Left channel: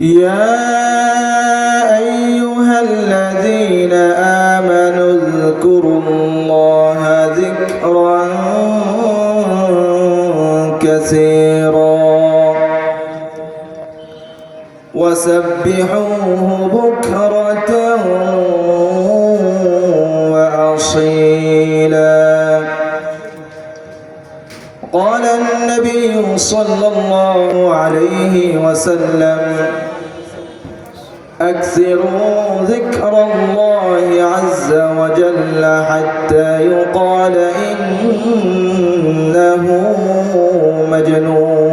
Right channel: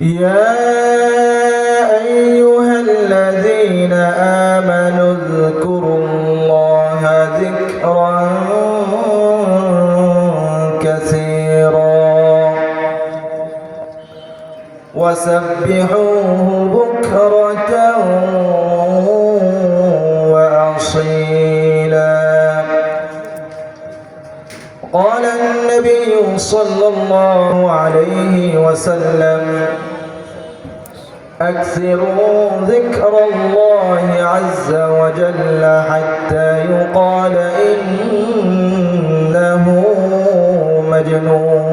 يا أيها الذين آمنوا اذكروا الله ذكرا كثيرا وسبحوه بكرة وأصيلا. قال النبي صلى الله عليه وسلم أكثروا ذكر الله عز وجل حتى يقال إنه مجنون.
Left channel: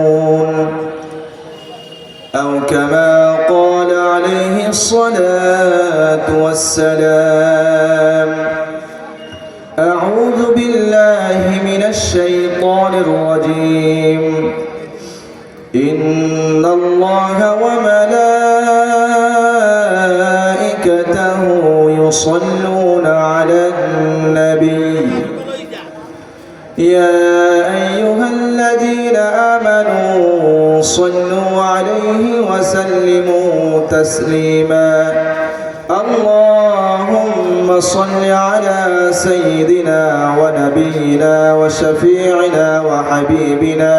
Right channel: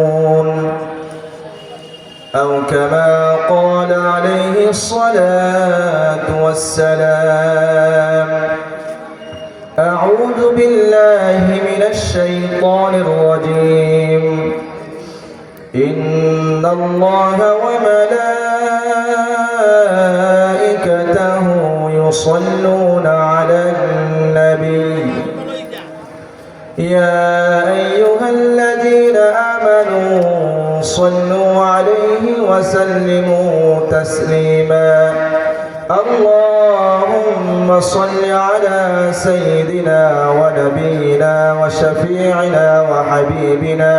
وشفيعنا وحبيبنا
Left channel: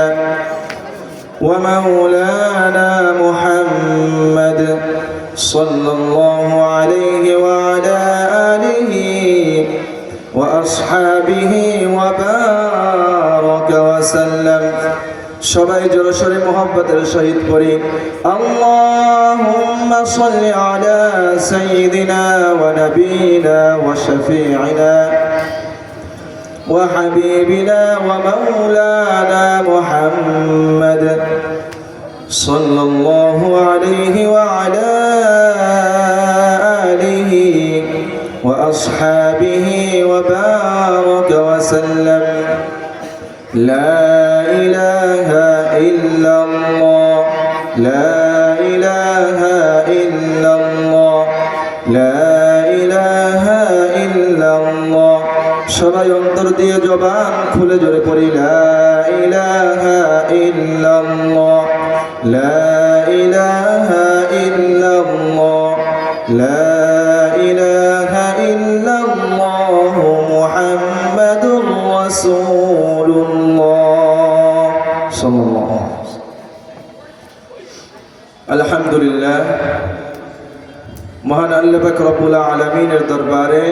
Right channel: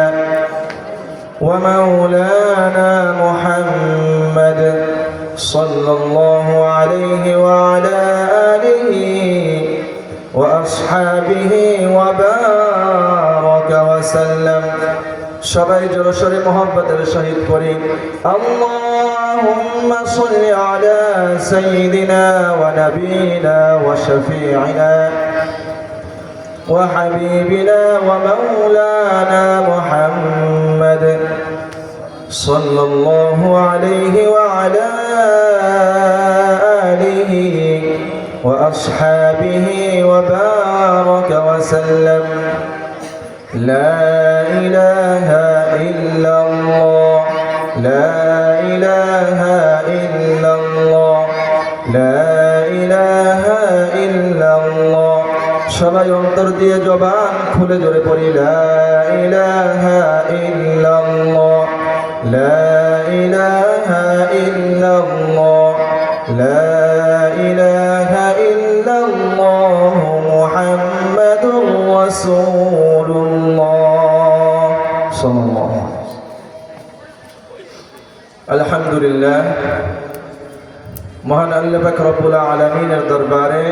ومولانا محمد صلى الله عليه وعلى آله وأصحابه وبارك وسلم সবাই জোরসরে মোহাম্মতের সহিত করি اللهم صل على سيدنا ونبينا وشفيعنا وحبيبنا ومولانا محمد صلى الله عليه وعلى آله وأصحابه وبارك وسلم. لا إله إلا দিয়ে জবান খুলে জোরে পড়ি, লা ইলাহা ইল্লাল্লাহ, লা ইলাহা আলহামদুলিল্লাহ, মহান আল্লাহ পাক রব্বুল আলামিনের দরবারে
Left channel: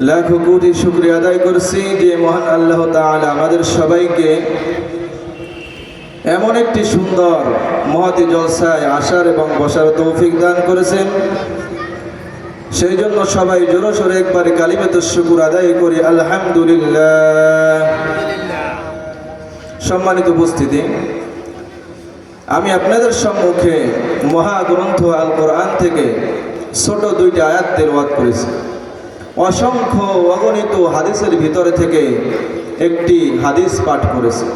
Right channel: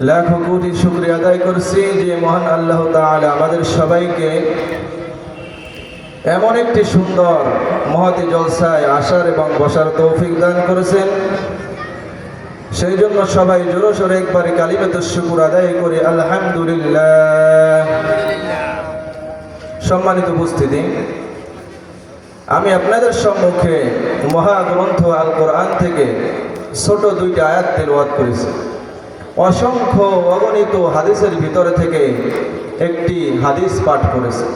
লাখো কোটি শুক্রিয়া আদায় করছি যে মহান আল্লাহ তাআলা আমাদের সবাইকে এমন একটি সুন্দর মহতি জলসায় আসার এবং বসার তৌফিক দান করেছেন। সেই জন্য সবাই জোরো সোরে একবারে কালিমেত শুকুর আদায় করি। আলহামদুলিল্লাহ। সম্মানিত উপস্থিতি, আমি আপনাদের সম্মুখে মহাগ্রন্থ আল কোরআন থেকে ছোট দুইটি আয়াত তেলওয়াত করেছি। অসংখ্য অগণিত হাদিসের ভিতর থেকে একটি হাদিস পাঠ করেছে।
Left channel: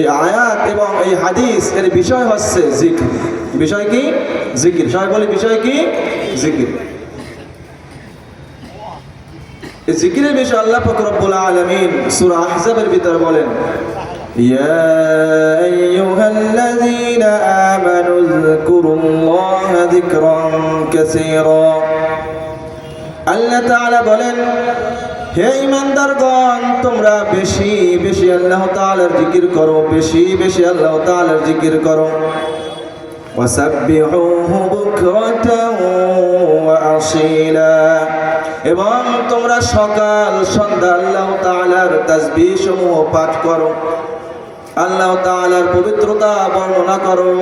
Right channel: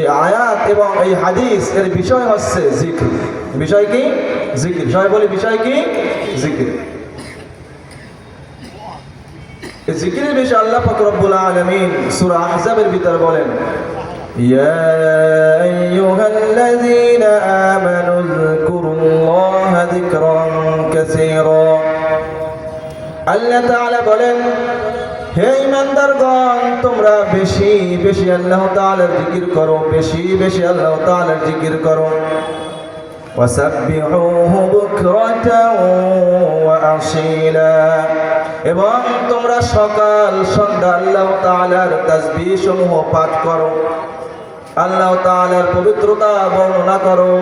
এই আয়াত এবং এই হাদিস এর বিষয় হচ্ছে জিকির। বিষয় কি? জিকির। সবাই বলি, বিষয় কি? জিকির। জিকিরের বিষয় আল্লাহ পাক রব্বুল আলামিন সূরা আহজাবের ভিতর বলেন, ইয়া আইয়ুহাল্লাযীনা বেশি আল্লাহ তাআলার জিকির করো, বেশি বেশি আল্লাহ তাআলার জিকির করো। এবং তোমরা সকাল সন্ধ্যা আল্লাহ তাআলার তাসবিহ সমূহ পাঠ করো। আল্লাহ তাআলার পবিত্রতা বর্ণনা করো।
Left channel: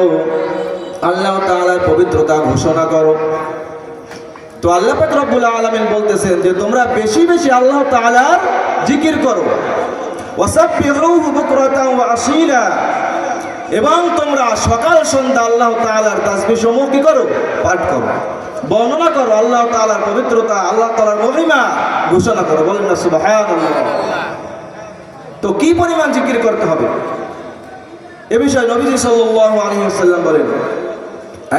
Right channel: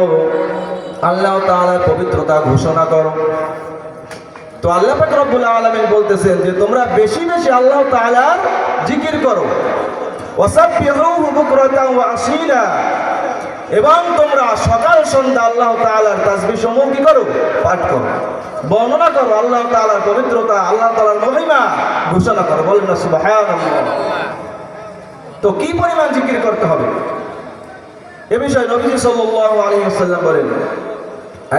আল্লাহ তাআলার পবিত্রতা ঘোষণা করো। তো আল্লাহ পাক রব্বুল আলামিন বলতেছেন যে তোমরা বেশি বেশি আল্লাহ তাআলার জিকির করো। এবং তোমরা সকাল সন্ধ্যা আল্লাহ তালার তাজবি সমূহ কি করো? পাঠ করো। বর্ণনা করো আল্লাহ তালার পবিত্রতা, আল্লাহ তালার মহিমা ঘোষণা করো। বলেন না শুভ তো কি পরিমাণ জিকির করতে হবে? এ বিষয়ে নবীজি সাল্লাল্লাহু আলাইহি ওয়াসাল্লাম বলেন,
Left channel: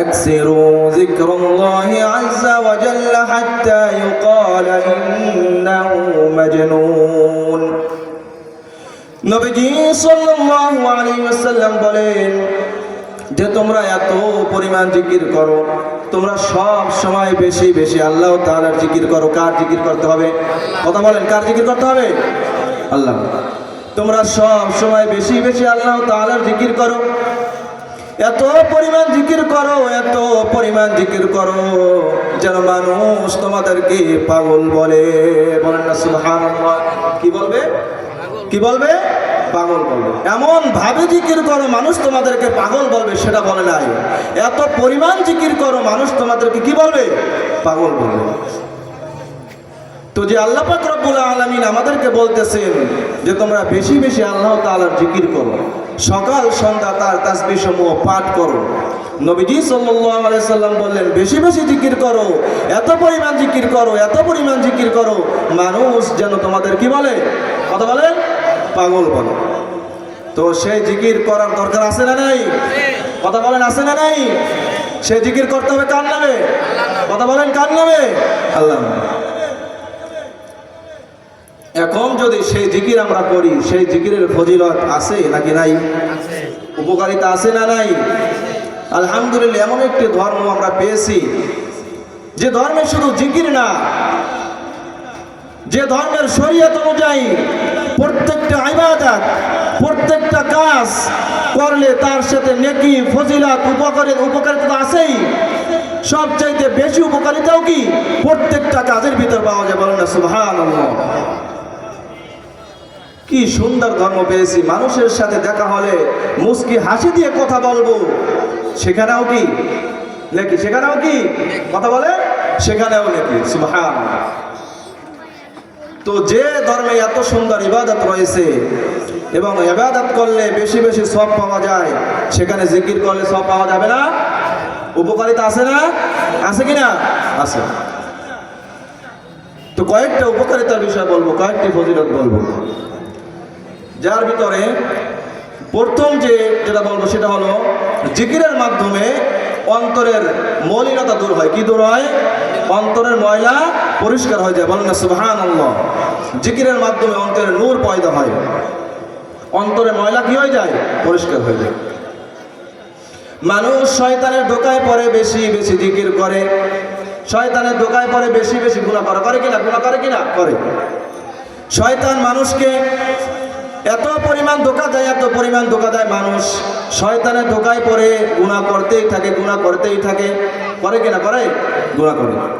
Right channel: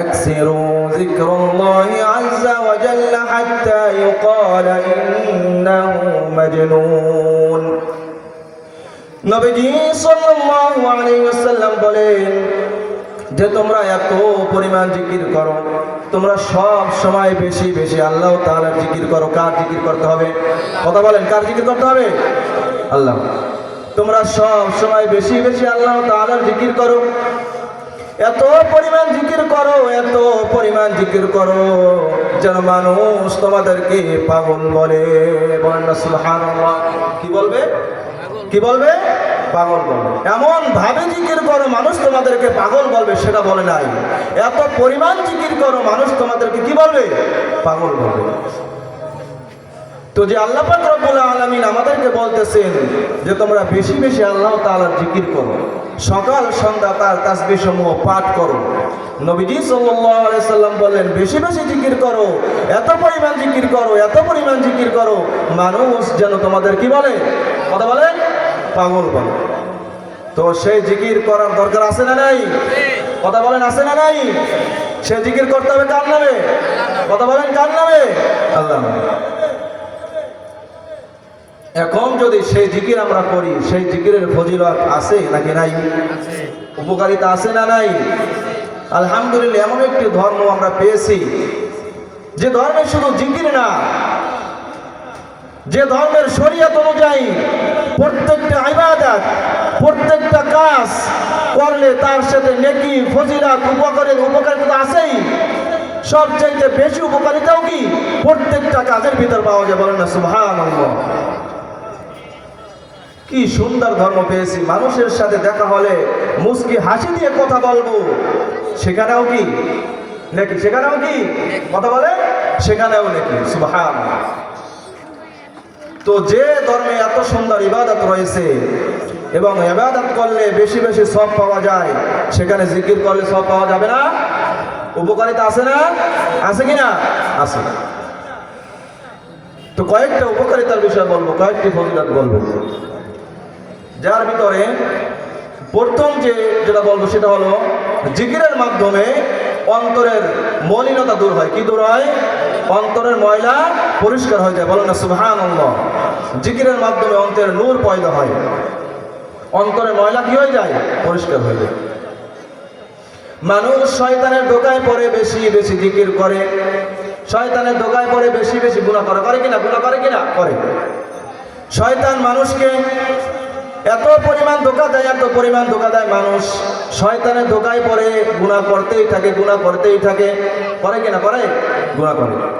আকসিরু যিকরাল্লাহি আযজা ওয়া জাল্লা হাত্তা ইউকালা ইন্নাহু মাজনুন। নবীজি সাল্লাল্লাহু আলাইহি ওয়াসাল্লাম বলেন যে তোমরা এত পরিমাণ জিকির করো, তোমরা সব সময় বেশি বেশি আল্লাহ তাআলার জিকির করো। কার জিকির করতে হবে? কথা বলেন, কার জিকির করতে হবে? আল্লাহ। তোমরা সব সময় বেশি বেশি আল্লাহ তাআলার জিকির করো। এত পরিমাণ জিকির করো, এত পরিমাণ জিকির করো, যেন মানুষ তোমাদেরকে পাগল বলে। কি বলবে? কি বলবে? পাগল বলবে। এমন ভাবে জিকির করো মানুষ তোমাদেরকে পাগল বলবে, সেটা বলে নাই। এত পরিমাণ জিকির করো মানুষ তোমাদেরকে কি বলবে? পাগল বলবে। তো যে আল্লাহ রব্বুল আলামিন আমাদেরকে বলতেছেন যে তোমরা বেশি বেশি আল্লাহ তাআলার জিকির করো। সকাল, সন্ধ্যা তার তাসবিহ সমূহ পাঠ করো। নবীজি সাল্লাম বললেন, বেশি বেশি জিকির করো, এত পরিমাণ জিকির করো, এত পরিমাণ জিকির করো, মানুষ যেন তোমাদের কি বলে? কথা বলেন পাগল বলে। তো সেই জিকির করার দরকার আছে না নাই? কথা বলেন, আছে না নাই? সে জিকির করতে হবে কার নামে? কথা বলেন, কার নামে? আল্লাহ। এখন যদি সেই জিকির আমরা করি, সেই জিকিরের ফজিলত আছে নাকি নাই? উপকারিতা আছে না নাই? আলহামদুলিল্লাহ, এমন একটি ধর্ম আমরা পেয়েছি। যে ধর্মে শুধু জিকির না, যে ধর্মের শরীয়ত অনুযায়ী প্রত্যেকটা ইবাদত, প্রত্যেকটা কাজ করলে তার সাথে নেকি, ফজিলাত, উপকারের উপকারিতা আছেই। সবচাইতে বেশি উপকারিতাও কি? প্রত্যেকটা কাজের ভিতর পাওয়া যায়, বলেন না, সুবহানাল্লাহ। কি সুন্দর ধর্ম পেয়েছি। মানুষের সাথে দেখা হলে মুস্কি হাসি দিয়ে কথা বলব। সেখানেও কি? নাকি? সেখানেও কি? কথা বলে? সেখানেও নাকি? সুবহান তো যে ধর্মে এত সুন্দর ইবাদত রয়েছে এবং ইবাদত করলে বেশি বেশি সব পাওয়া যায়, সেখানে জিকির করলে সব পাওয়া যাবে না? উপকারিতা আছে না? আছে কি না আছে। তো কয়েকটা উপকারিতার বিষয় বলব, কয়েকটি ফজিলত বলব। যার ভিতরে প্রথম যে যেটা বলব সেটা হলো, জিকিরের মাধ্যমে অন্তরের মলিনতা দূর হয়। কি দূর হয়? অন্তরের ময়লা পরিষ্কার হয়ে যায়। বলেন না সুবহান জিকিরের মাধ্যমে অন্তরের নূর পয়দা হয়। অন্তরে ময়লা কি হয়ে যায়? পরিষ্কার হয়ে যায়। মানুষ শয়তানের দোকায় পরে বেশি বেশি জিকির করে। শয়তানের দোকায় পরে বেশি বেশি গুণা করে। করে কিনা? গুণা করে কিনা? করে। শয়তান মানুষকে এত পরিমাণ ধোকা দেয়, এত পরিমাণ ধোকা দেয় মানুষ। শয়তানে ধোকায় পরে গুণা করতেই থাকে গুণা করতেই থাকে। করে কিনা, করে? গুণা করে।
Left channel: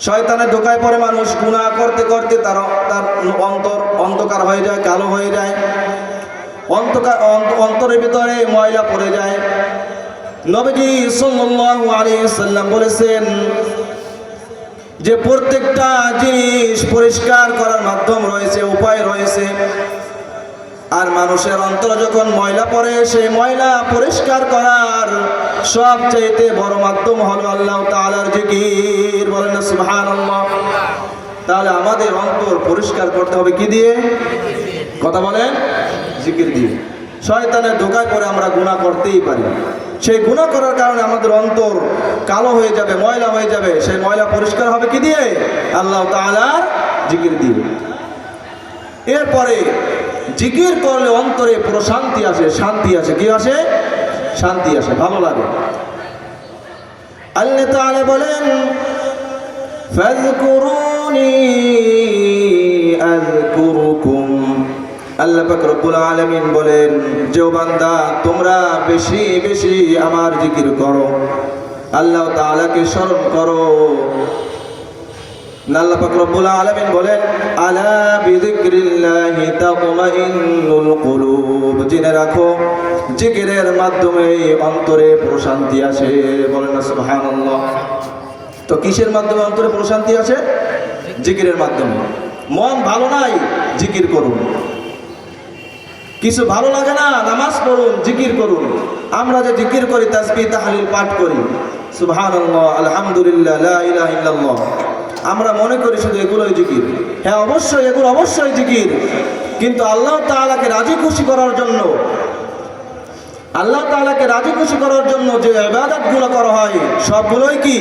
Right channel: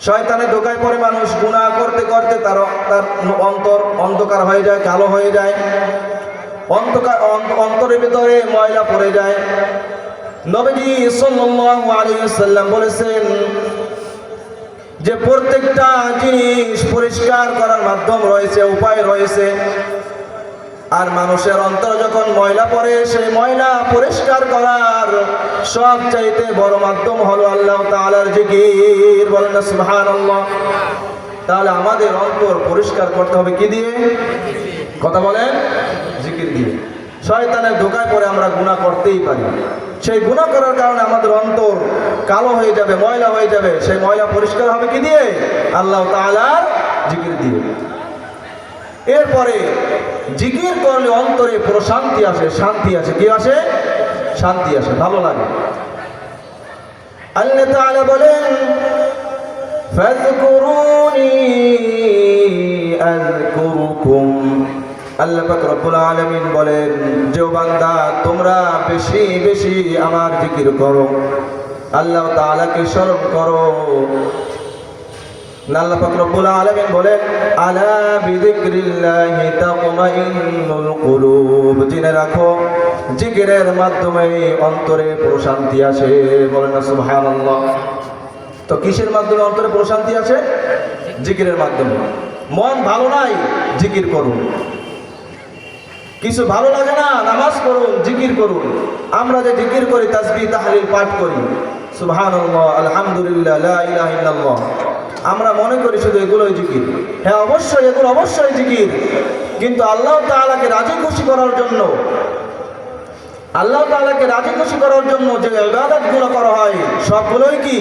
শয়তানে ধোকায় পরে মানুষ গুণা করতে করতে তার তার অন্তর অন্ধকার হয়ে যায়, কালো হয়ে যায়। অন্তকার অন্ত- অন্তরের ভিতরে ময়লা পড়ে যায়। নবীজি সাল্লাল্লাহু আলাইহি ওয়াসাল্লাম বলেছেন যে প্রত্যেকটা জিনিস পরিষ্কার করার মাধ্যম রয়েছে, উপায় রয়েছে। আর মানুষের অন্তর যখন ময়লা পড়ে, সেই ময়লা পরিষ্কার করার সব চাইতে বড় মাধ্যম হলো আল্লাহ তাআলার জিকির। বলেন না, সুবহানাল্লাহ। তাহলে আমাদের অন্তর পরিষ্কার করতে হবে কি দিয়ে? কথা বলেন? জিকির দিয়ে। শয়তানের ধোকায় পরে আমরা গুনাহ করতেই পারি। সেই গুনাহ করার কারণে আমাদের অন্তর কালো হয়ে যাবে, ময়লা হয়ে যাবে। সেই ময়লা পরিষ্কার হবে কি দিয়ে? আল্লাহ তাআলার জিকির দিয়ে। এরপরে জিকির করলে অন্তরে প্রশান্তি আসে, শান্তি আসে। কি আসে? শান্তি আসে, ভালো লাগে। আল্লাহ তাআলা বলেন, ফাযকুরুনি আযকুরুকুম। আল্লাহ পাক রব্বুল আলামিন বলেন, যে বান্দা, তোমরা বেশি বেশি আমার জিকির করো। আল্লাহ তাআলাকে স্মরণ করো। আল্লাহ পাক রব্বুল আলামিন বলেন, আলা বিযিকরিল্লাহি রাখো, জিকিরের মাধ্যমে অন্তরে প্রশান্তি আসে। বলেন তো কিসের মাধ্যমে অন্তরে প্রশান্তি আসে? জিকিরের মাধ্যমে। মন ভালো নাই, জিকির করুন। কিছু ভালো লাগে না, নামাজ পড়ুন, জিকির করুন। আমরা যে জিকির করি, তাসবিহ, তাহলিল পাঠ করি। সুবহানাল্লাহ, আলহামদুলিল্লাহ আমরা মনে করি শুধু এগুলোই জিকির। হ্যাঁ অবশ্যই এগুলো অবশ্যই জিকির। কিন্তু আল্লাহ তাআলাকে রাজি খুশি করার জন্য, আল্লাহ তাআলাকে রাজি খুশি করার জন্য যে আবাদত ইবাদতগুলো করা হয়, সবগুলোই কি?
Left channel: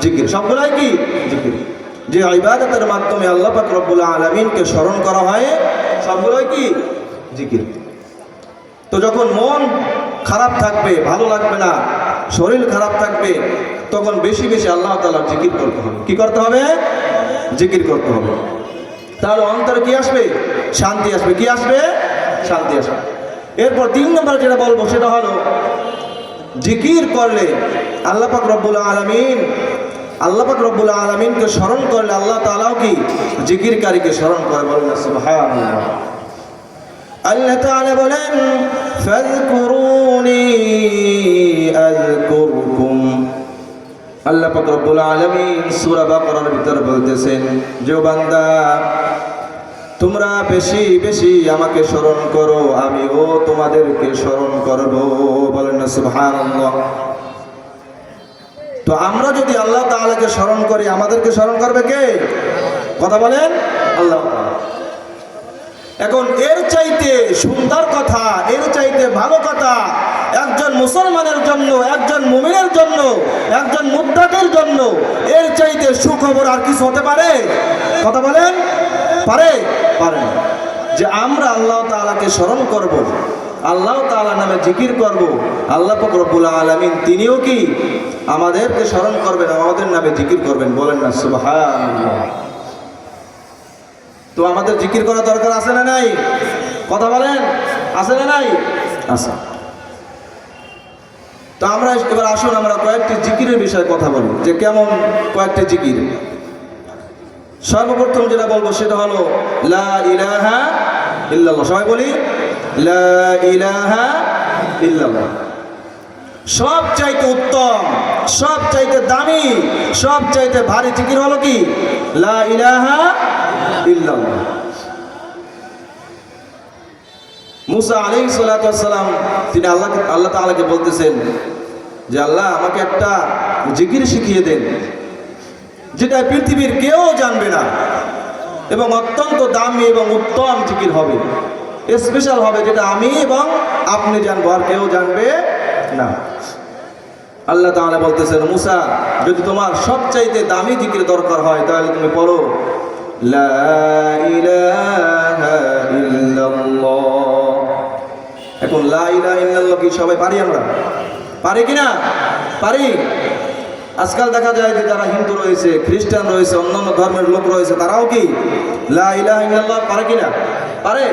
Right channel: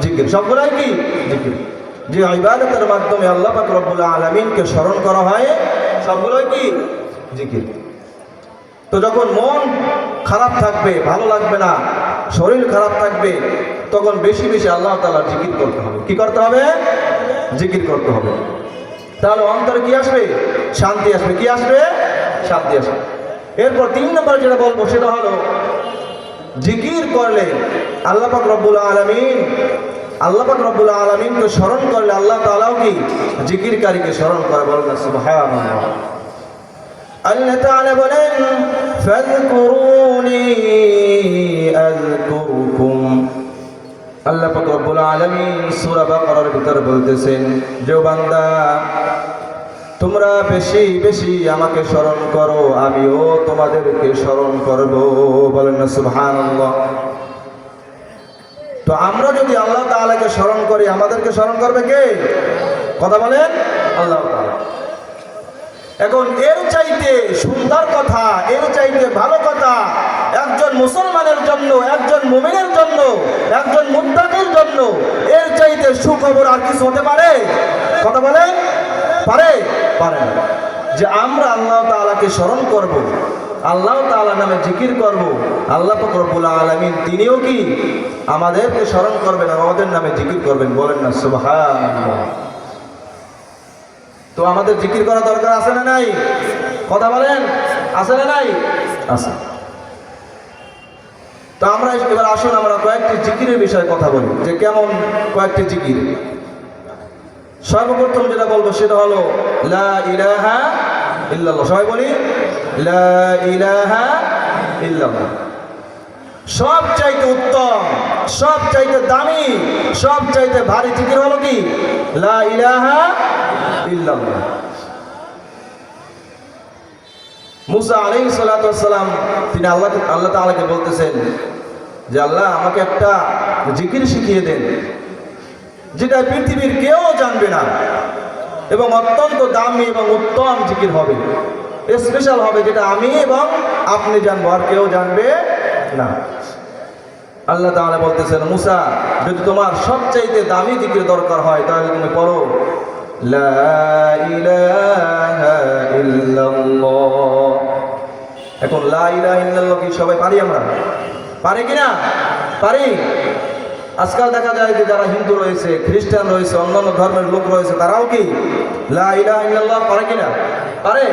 জিকির। সবগুলোই কি? জিকির। যে ইবাদতের মাধ্যমে আল্লাহ পাক রব্বুল আলামিনকে স্মরণ করা হয়, সবগুলোই কি? জিকির। তো যখন মন খারাপ থাকবে, ভালো লাগবে না শরীর খারাপ থাকবে, তখন বেশি বেশি আল্লাহ তাআলা জিকির করতে হবে। কি করতে হবে? জিকির করতে হবে। তাহলে অন্তরে কি আসবে? শান্তি আসবে। কি আসবে? শান্তি আসবে। এরপর তিন নম্বর যেটা বলব, সেটা হলো, জিকির করলে আল্লাহ পাক রব্বুল আলামিন, আল্লাহ পাক রব্বুল আলামিনকে স্মরণ করলে আল্লাহ তালাও কি? জিকিরকারীকে স্মরণ করে বলেন সুবহানাল্লাহ। আল্লাহ তাআলা বলেন, ফাযকুরুনি আযকুরকুম। আল্লাহ পাক রব্বুল আলামিন সূরা বাকারার ভিতরে বলতেছেন, যে বান্দা, তোমরা বেশি বেশি আমাকে স্মরণ করো, আমিও তোমাদেরকে স্মরণ করব। বলেন না, সুবহানাল্লাহ। তো আমরা যদি আল্লাহ তাআলাকে স্মরণ করি, আমাদেরকে স্মরণ করবে কে? কথা বলেন? আল্লাহ। এখন এর চাইতে সুন্দর কথা, এর চাইতে ভালো কথা, একজন মুসলমানের জন্য, একজন মুমিনের জন্য, একজন মুত্তাকির জন্য এর চাইতে সুখবর আর কিছু হতে পারে? কথা বলেন? পারে? পারে। যে আমরা আল্লাহ তাআলাকে স্মরণ করব, আল্লাহ তাআলা নামে জিকির করব, আল্লাহ পাক রব্বুল আলামিন তিনিও কি আমাদেরকে স্মরণ করবেন, আমাদের নামে জিকির করবেন? বলেন না, সুবহানাল্লাহ। তো আমাদের জিকির করা দরকার আছে না নাই? কথা বলেন, আছে না নাই? আছে। তো আমরা এবার আসুন, আমরা কয়েকটি জিকিরের বিষয়ে কথা বলি। যে কেমন কয়েকটি জিকির? সর্বপ্রথম যেটা বলব সেটা হলো, লা ইলাহা ইল্লাল্লাহ। সবাই বলি, লা ইলাহা ইল্লাল্লাহ। সব চাইতে উত্তম সব চাইতে দামি সব চাইতে ভারী জিকির হলো কি? লা ইলাহা মুসা আলাইহিস সালাতু সালাম, তিনি আল্লাহ আল্লাহ তাআলাকে বলতেছেন যে আল্লাহ আমাকে একটা জিকির শিখিয়ে দেন, যেটা পৃথিবীর কেউ জানবে না এবং অত্যন্ত দামি এবং উত্তম জিকির হবে। স্পেশাল হবে যেটা আমি এবং আপনি জানব, আর কেউ জানবে না। আল্লাহ তাআলা বলতেছেন, মুসা, যদি তোমার সবচাইতে দামি জিকির দরকার হয়, তাহলে তুমি পড়ো এখন কি সবাই পারি আমরা? পারি কিনা পারি। আজকাল দেখা যায় যে যারা হিন্দু রয়েছে, খ্রিস্টান রয়েছে, অন্যান্য ধর্মের লোক রয়েছে, তারাও কি লা ইলাহা ইল্লাল্লাহ পারে কি না? পারে?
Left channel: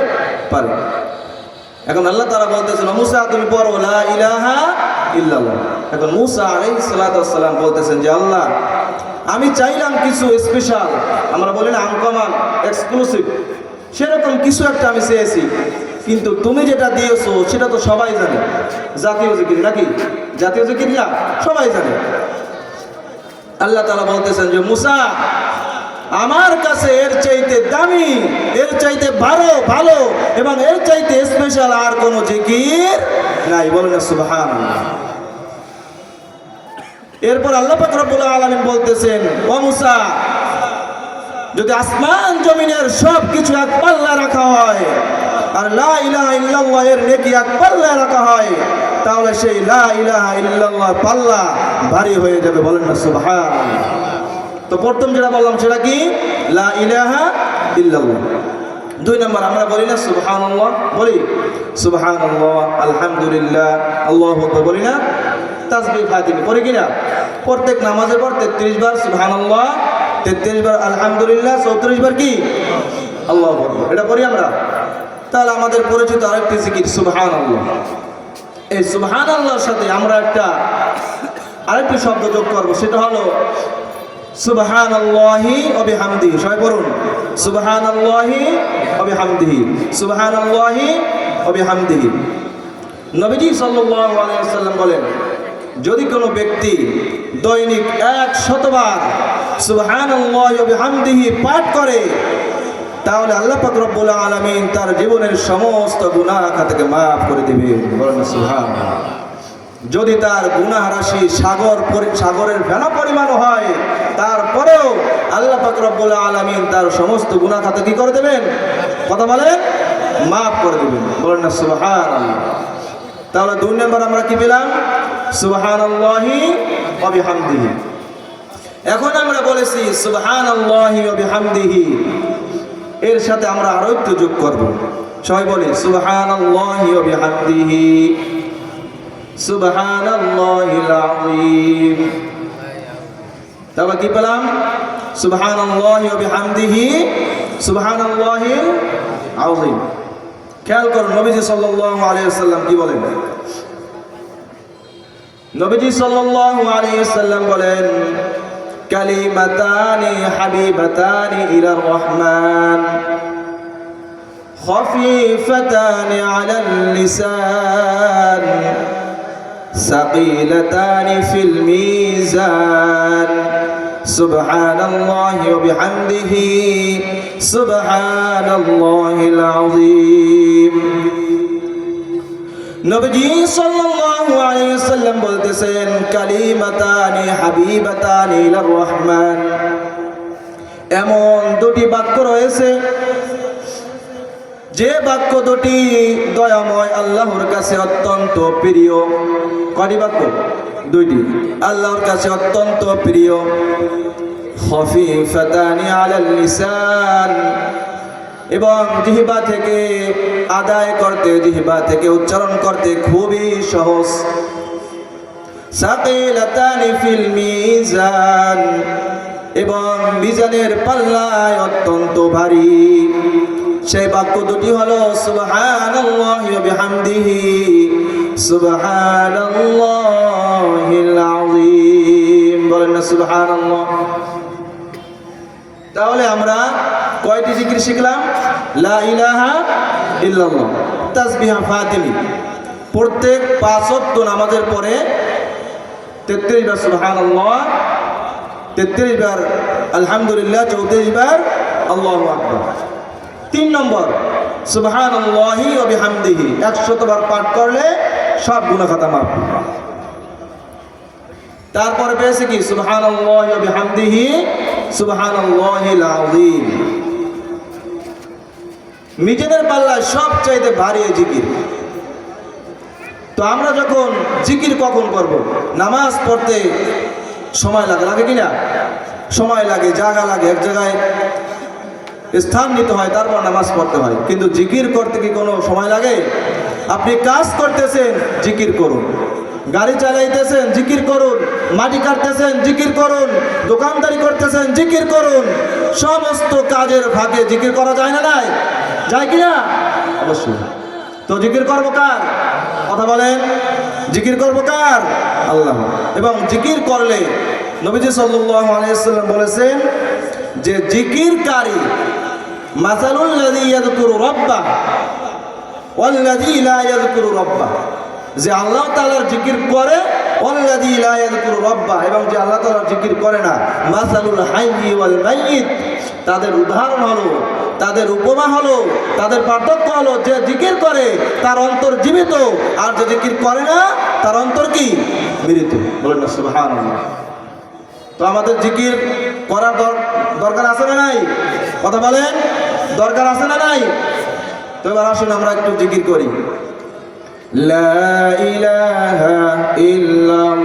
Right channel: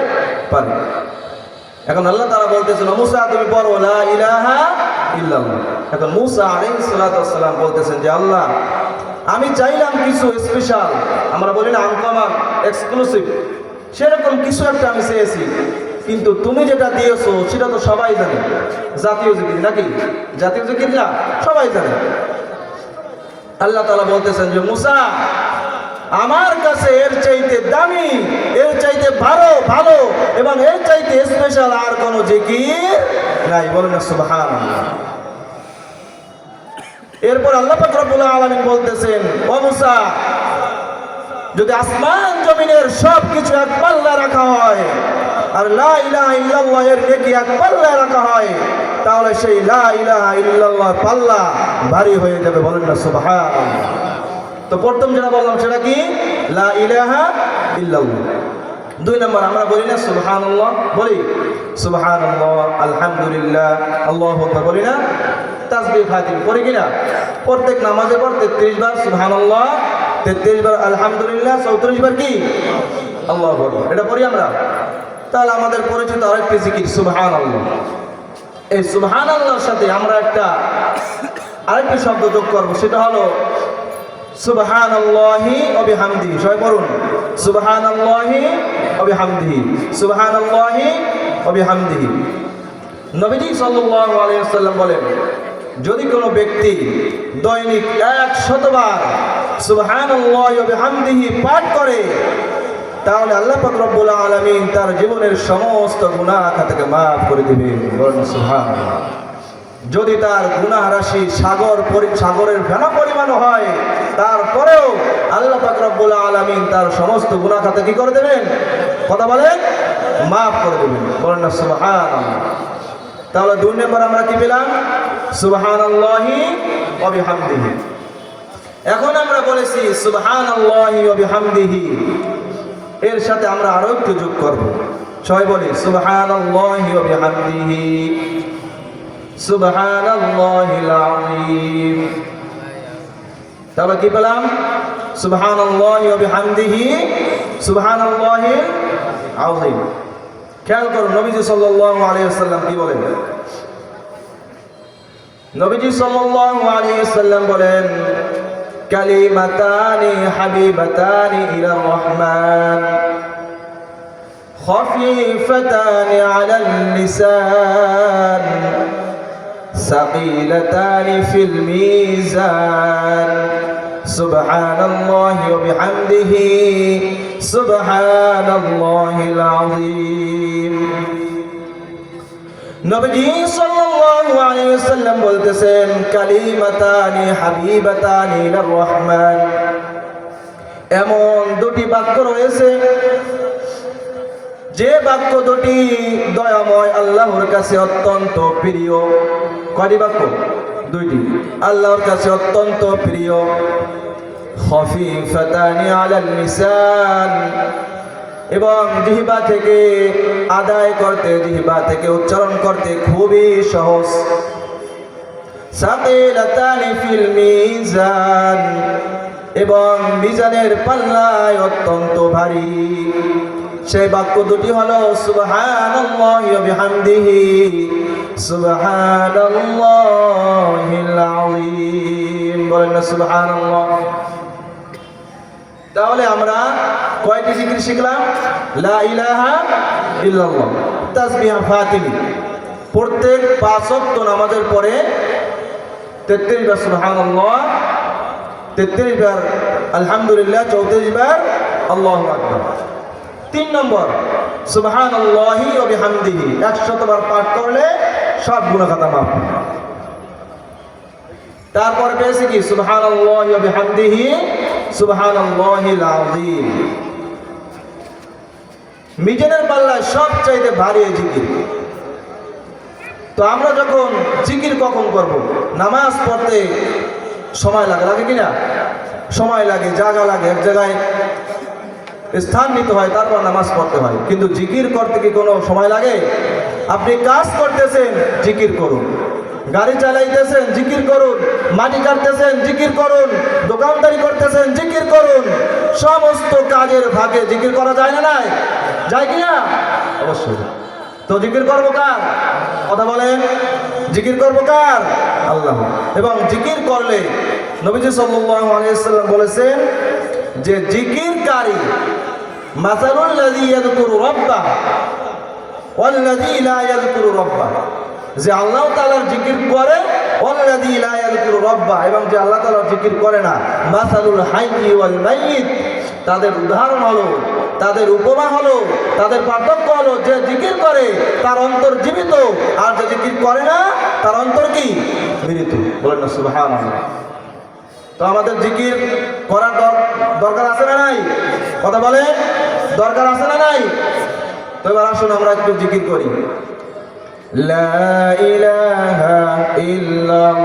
পারে। এখন আল্লাহ তারা বলতেছেন, মুসা, তুমি পড়ো, লা ইলাহা ইল্লাল্লাহ। এখন মুসা আলাইহিস সালাম বলতেছেন যে, আল্লাহ, আমি চাইলাম কিছু স্পেশাল আমরা বলি না আনকমন এক্সক্লুসিভ সেরকম কিছু একটা আমি চেয়েছি, কিন্তু তুমি যেটা দিয়েছ, সেটা তো সবাই জানে। জাতীয় জিকির নাকি? জাতীয় জিকির না, সবাই জানে। আল্লাহ তালা বলতেছেন যে, মুসা আমার কাছে এর চাইতে দামি, এর চাইতে ভালো ভালো, এবং এর চাইতে স্পেশাল আর কোনো জিকির নাই। বলেন সুবহান এরপর আল্লাহ রব্বুল আলামিন বলতেছেন মুসা, যদি আসমান জমিনের সব কিছু এক পাল্লা রাখা হয়, আর লা ইলাহা ইল্লাল্লাহ এর নেকি এক পাল্লায় রাখা হয়, তাহলে সেই লা ইলাহা ইল্লাল্লাহ পাল্লা ভারী হয়ে যাবে। বলেন না সুবহান তো প্রথম যেটা বললাম সেটা কি? লা দুই নম্বর, আমরা বলি না সুবহানাল্লাহ, বলি সুবহানাল্লাহ, আলহামদুলিল্লাহ, আল্লাহু বলি না, তাসবিহ খাতিম, করি কিনা প্রত্যেক নামাজের পর তেত্রিশ বার সুবহানাল্লাহ, তেত্রিশ বার আলহামদুলিল্লাহ, চৌত্রিশ বার কি? আল্লাহ এটা পড়ি আমরা? তাহলে আমাদের পরিচিত আরেকটি জিকির সুবহান এই সুবহান সাথে আমরা একটা আরেকটি শব্দ যোগ করব, সেটা হলো সুবহান আল্লাহি অবিহামদিহি সবাই পড়ুন। সুবহান আল্লাহি অবিহামদিহি সুবহান আল্লাহি অবিহামদিহি নবীজি সাল্লাল্লাহু আলাইহি সাল্লাম বলেন, যদি কোনো ব্যক্তি দৈনিক এক শতবার সুবহানাল্লাহি ওয়া বিহামদিহি পাঠ করে, তাহলে আল্লাহ পাক রব্বুল আলামিন তার জীবনের সমস্ত গুনাহ খাতাকে maaf করে দিবেন। বলেন, সুবহানাল্লাহ। যদি তার গুনাহ রাশি সাগর সাগরের ফেনা পরিমাণ হয় তারপরেও আল্লাহ পাক রব্বুল আলামিন তার সমস্ত গুণা খাতা কি করে দেবেন? কথা বলেন? মাফ করে দেবেন। বলেন না, সুবহানাল্লাহ। তাহলে দুই নম্বর আমরা কি পেলাম? বিহামদিহি। এখন আমরা বলেছি বিহামদিহি। এর সাথে আমরা আরও একটু যোগ করব। সবাই বলি সুবহানাল্লাহিল আযীম। তাহলে কি পেলাম? সুবহান হামদিহি সুবহান আউজিম খেয়াল করো, নবীজি সাল্লাম আলিয়াল্লাম কি বলেন? নবীজি সাল্লাহ আলিয়াল্লাম বলেন, কালিমাতানি হাবিবাতানি ইলা রহমান خفيفتان على اللسان ثقيلتان في الميزان سبحان الله وبحمده سبحان الله العظيم নবীজি সাল্লাল্লাহু আলাইহি ওয়াসাল্লাম বলতেছেন কালিমাতানি হাবিবাতানি ইলার রহমান এমন দুটি বাক্য রয়েছে যে বাক্য দুটি দয়াময় আল্লাহর কাছে অত্যন্ত প্রিয়। কয়টি বাক্য? দুইটি। আল্লাহর কাছে অত্যন্ত প্রিয়। খফিফাতানি আলাল লিসান। এবং জিহবা থেকে আদায় করতে, জিহবা থেকে উচ্চারণ করতে খুবই সহজ। সাকিলাতানি ফিল মিজান। এবং মিজানের পাল্লায় অত্যন্ত ভারী সেই বাক্য দুটি হলো, সুবহানাল্লাহি তাহলে আমরা কয়টি জিকির শিখলাম? লা ইলাহা প্রত্যেক পাঁচ ওয়াক্ত নামাজের পরে 33 বার সুবহানাল্লাহ 33 বার আলহামদুলিল্লাহ 34 বার আল্লাহু তিন নম্বর সুবহান আল্লাহি ও বিহামদিহি, একশতবার পাঠ করলে সব গুণা খাতা মাফ তারপর পেয়েছে কি? সুবহান আল্লাহি ও বিহামদিহি সুবহান মিজানের পাল্লা সব চাইতে ভারী জিকির। তো আমরা যখন জিকির কখন করব? নামাজ পড়তে সময় লাগে লাগে কিনা? সময় লাগে জায়গা লাগে। এক জায়গায় স্থান নিতে হয়, তারপর নামাজ পড়তে হয়। কিন্তু জিকির করতে কি কোনো সময় লাগে? আপনি কাজ করতেছেন, জিকির করুন। গাড়ি চালাইতেছেন, জিকির করুন। মাটি কাটতেছেন, জিকির করুন। দোকানদারি করতেছেন, জিকির করুন। সমস্ত কাজের ভাগে জিকির করা যায় না নাই? যায় কি না? অবশ্যই। তো জিকির করব কার? কথা বলেন। জিকির করব কার? আল্লাহ। এবং জিকির করলে নবীজি সাল্লাম বলেছেন যে জিকিরকারী লাযী ইয়াযকুরু রাব্বা ওয়াল লাযী লা ইয়াযকুরু রাব্বা। যে আল্লাহ জিকির করে লাযী লা ইয়াযকুরু রাব্বা, এবং যে আল্লাহ তাআলার জিকির করে না, মাসালুল হাইয়্যি ওয়াল মাইয়িত। তাদের উদাহরণ হলো, তাদের উপমা হলো, তাদের পার্থক্য হলো, যে জিকির করে, তার অন্তর জীবিত, আর যে জিকির করে না, তার অন্তর কি? মৃত। বলেন না, সুবহানাল্লাহ। তো আমাদের জিকির করার দর- দরকার আছে না নাই কথা বলেন দরকার আছে না নাই তো এবার আসুন আমরা একটু জিকির করি। লা ইলাহা ইল্লাল্লাহ।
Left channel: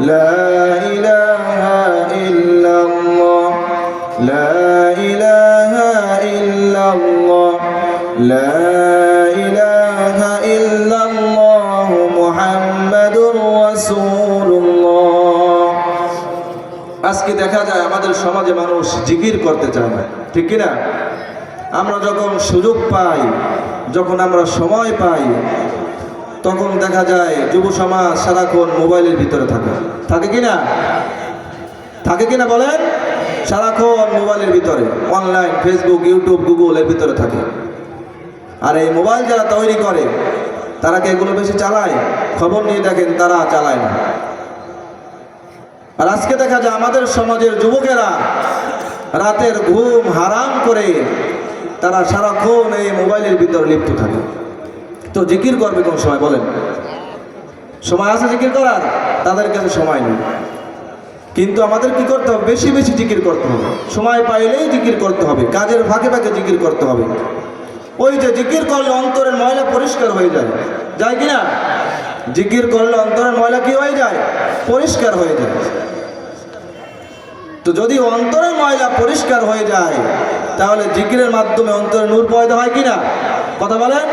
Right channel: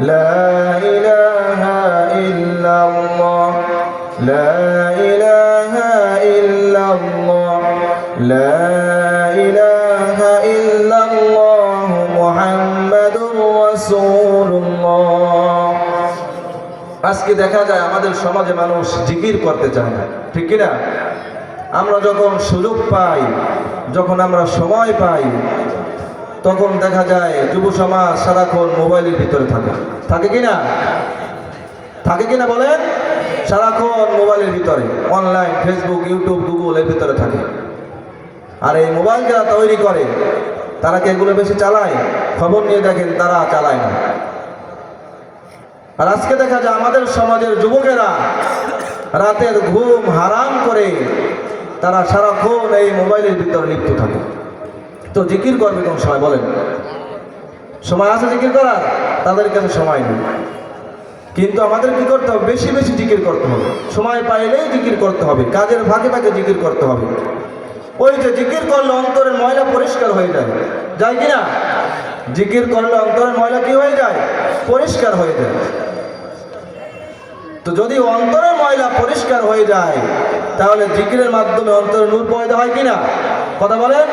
لا إله إلا الله لا إله إلا الله لا إله إلا الله محمد رسول রাসূলুল্লাহ আজকে দেখা যায় আমাদের সমাজে মানুষ জিকির করতে চায় না ঠিক কি না আমরা যখন সুযোগ পাই যখন আমরা সময় পাই তখন দেখা যায় যুব সমাজ সারাক্ষণ মোবাইলের ভিতরে থাকে। থাকে কি না? থাকে কি না বলেন? সারাক্ষণ মোবাইলের ভিতরে। অনলাইন, ফেসবুক, ইউটিউব, গুগল এর ভিতরে থাকে। আর এই মোবাইল যারা তৈরি করে, তারা কি এগুলো বেশি চালায়? খবর নিয়ে দেখেন, তারা চালায় না। আর আজকে দেখা যায় আমাদের সমাজের যুবকেরা রাতের ঘুম হারাম করে তারা সারাক্ষণ এই মোবাইলের ভিতরে লিপ্ত থাকে। তো জিকির করবে কোন সময়, বলেন। সময় আছে জিকির করার? তাদের কাছে সময় নেই। কিন্তু আমাদের কি করতে হবে? বেশি বেশি জিকির করতে হবে। সময় পাইলেই জিকির করতে হবে। কাজের ফাঁকে ফাঁকে জিকির করতে হবে। ওই যে জিকির করলে অন্তরের ময়লা পরিষ্কার হয়ে যায়। যায় কি না? জিকির করলে অন্তরের ময়লা কি হয়ে যায়? পরিষ্কার হয়ে যায়। তো যদি অন্তরের ময়লা পরিষ্কার হয়ে যায়, তাহলে জিকিরের মাধ্যমে অন্তরে নূর পয়দা হয় কিনা কথা বলেন?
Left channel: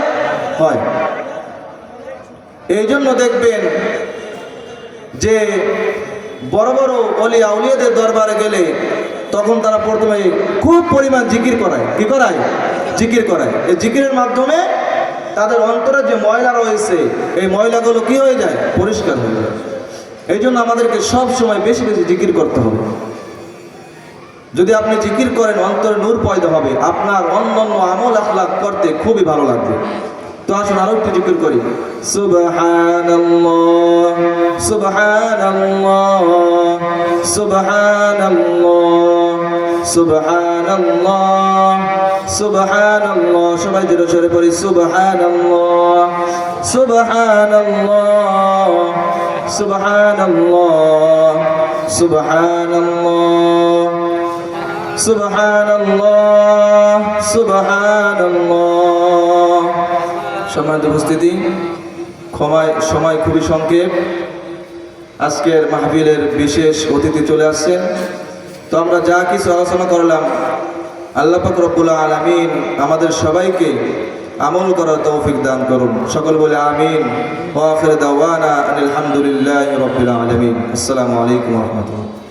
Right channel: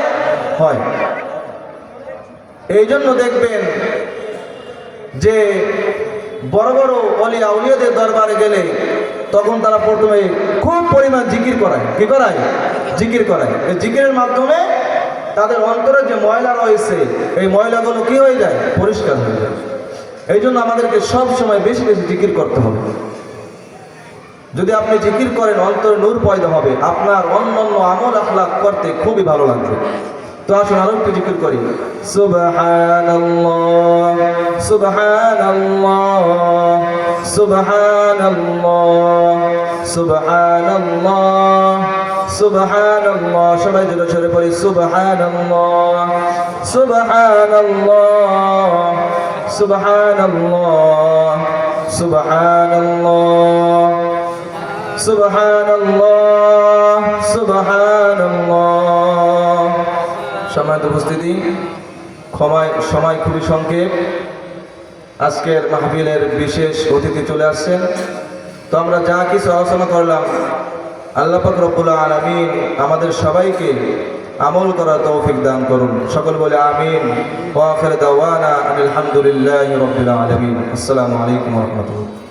হয়। এই জন্য দেখবেন যে বড় বড় অলিয়া উলিয়াদের দরবারে গেলে তখন তারা প্রথমে খুব পরিমাণ জিকির করায়। কি করায়? জিকির করায়। এই জিকিরের মাধ্যমে তাদের অন্তরে যে ময়লা রয়েছে, এই ময়লাগুলো কি হয়ে যায়? পরিষ্কার হয়ে যায়। এই জন্য আমাদেরকে সব সময় বেশি বেশি জিকির করতে হবে। যদি আপনি জিকির করেন, অন্তরে নূর পয়দা হবে। আপনার অন্যান্য আমল আখলাক করতে খুবই ভালো লাগবে। তো আসুন আরও একটু জিকির করি। সুবহানাল্লাহ সুবহানাল্লাহ সুবহানাল্লাহ সুবহানাল্লাহ সুবহানাল্লাহ। সবাই জোরে জোরে পড়ি, সুবহানাল্লাহ সুবহানাল্লাহ সুবহানাল্লাহ সুবহানাল্লাহ সুবহানাল্লাহ সুবহানাল্লাহ। সম্মানিত উপস্থিতি। ক্ষমায়, সময় খুবই সংক্ষেপ। আজকের মাহফিলের বিশেষ অতিথি চলে আসছেন। তো আমরা যা কিছু আলোচনা করলাম, আল্লাহ পাক রব্বুল আলামিন আমাদের সবাইকে আমল করার তৌফিক দান করুন। সকল বলে আমিন। ওয়া আখির দাওয়ানা আলহামদুলিল্লাহি রাব্বিল আলামিন। আসসালামু আলাইকুম রাহমাতুল্লাহ।